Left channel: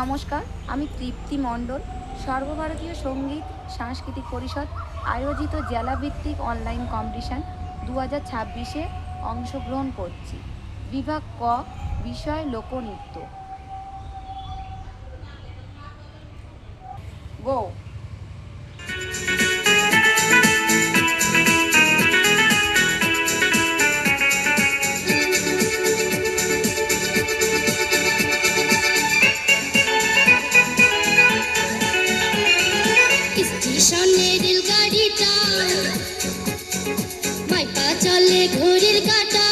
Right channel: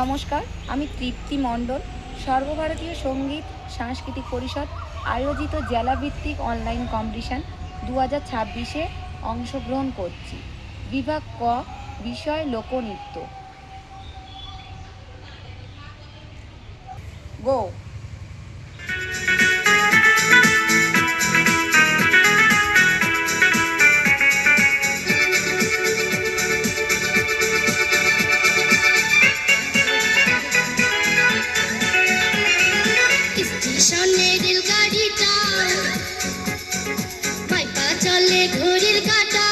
নমস্কার, আমি তৃপ্তি মণ্ডল। সর্বভারতীয় সঙ্গীত সাংস্কৃতিক পরিষদ আয়োজিত জেলাভিত্তিক অনলাইন কম্পিটিশন 2026-এ অংশগ্রহণ করছি। বিভাগ ক, বিষয় লোকনৃত্য। গো। স্টেশনের রেলগাড়িটা বাইপা চলে ঘড়ির কাঁটা।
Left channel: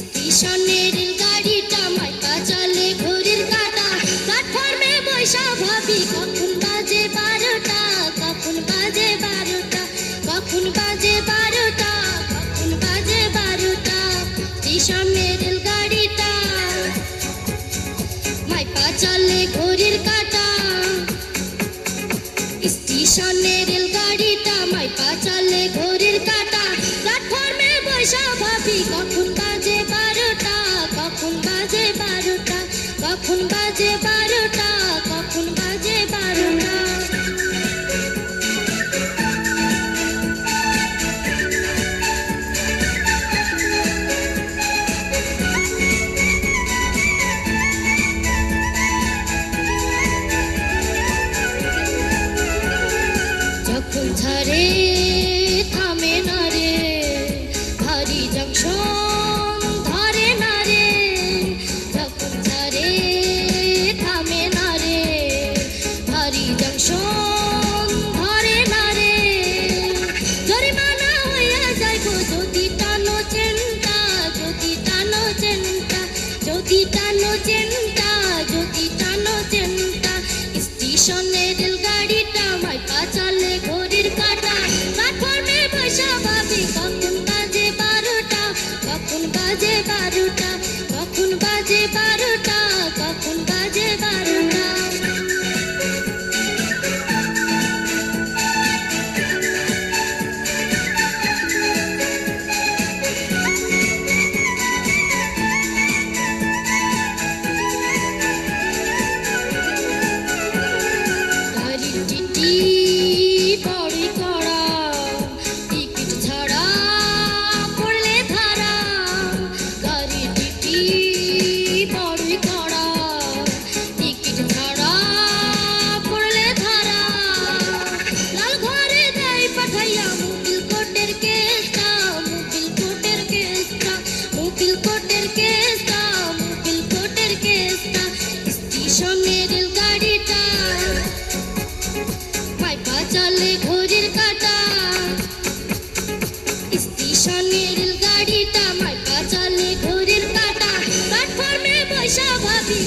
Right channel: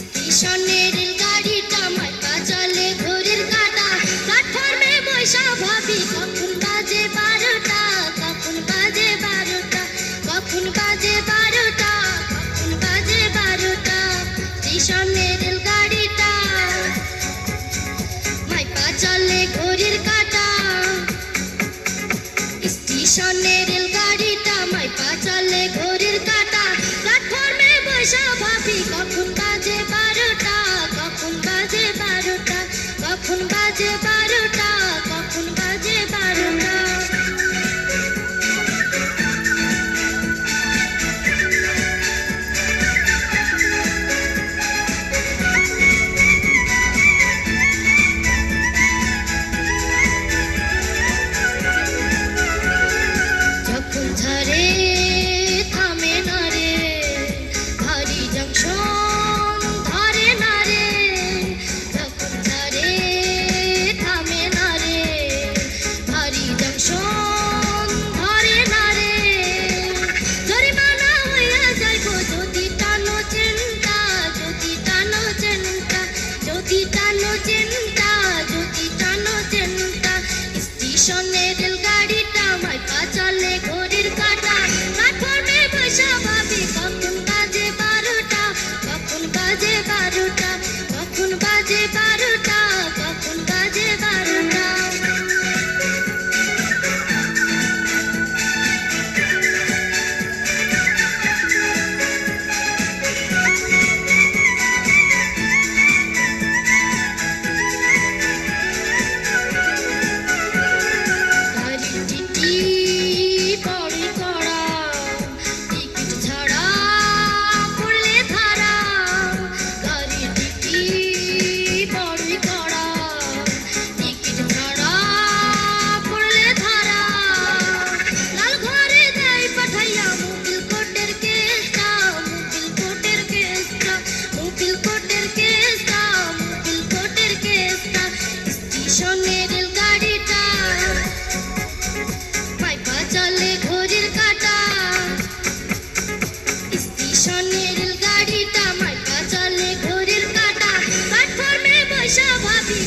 স্টেশনের রেলগাড়িটা বাইপা চলে ঘড়ির কাঁটা। প্ল্যাটফর্মে বৈশা ভাবি কখন বাজে 12টা, কখন বাজে 12টা, কখন বাজে 12টা, কখন বাজে 12টা। স্টেশনের রেলগাড়িটা বাইপা চলে ঘড়ির কাঁটা। স্টেশনের রেলগাড়িটা মাইপা চলে ঘড়ির কাঁটা। প্ল্যাটফর্মে বৈশা ভাবি কখন বাজে 12টা, কখন বাজে 12টা, কখন বাজে 12টা, কখন বাজে 12টা। যখন ঝরে থামে না রে, ভারী জংশন ধরে না রে। যখন ঝরে থামে না রে, ভারী জংশন ধরে না রে। জরিমানা হইয়া যাইব যদি টানো চেনটা, যদি টানো চেনটা, যদি টানো চেনটা, যদি টানো চেনটা। স্টেশনের রেলগাড়িটা মাইপা চলে ঘড়ির কাঁটা। প্ল্যাটফর্মে বৈশা ভাবি কখন বাজে 12টা, কখন বাজে 12টা, কখন বাজে 12টা, কখন বাজে 12টা। গাড়ির টিটি বড়ই কড়া, টিকিট ছাড়া পড়লে ধারা। গাড়ির টিটি বড়ই কড়া, টিকিট ছাড়া পড়লে ধারা। লাল ঘরে দেয় পাঠাইয়া মোবিল কোটের কেসটা, মোবিল কোটের কেসটা, মোবিল কোটের কেসটা, মোবিল কোটের কেসটা। স্টেশনের রেলগাড়িটা বাইপা চলে ঘড়ির কাঁটা। স্টেশনের রেলগাড়িটা বাইপা চলে ঘড়ির কাঁটা। প্ল্যাটফর্মে বৈশা ভাবি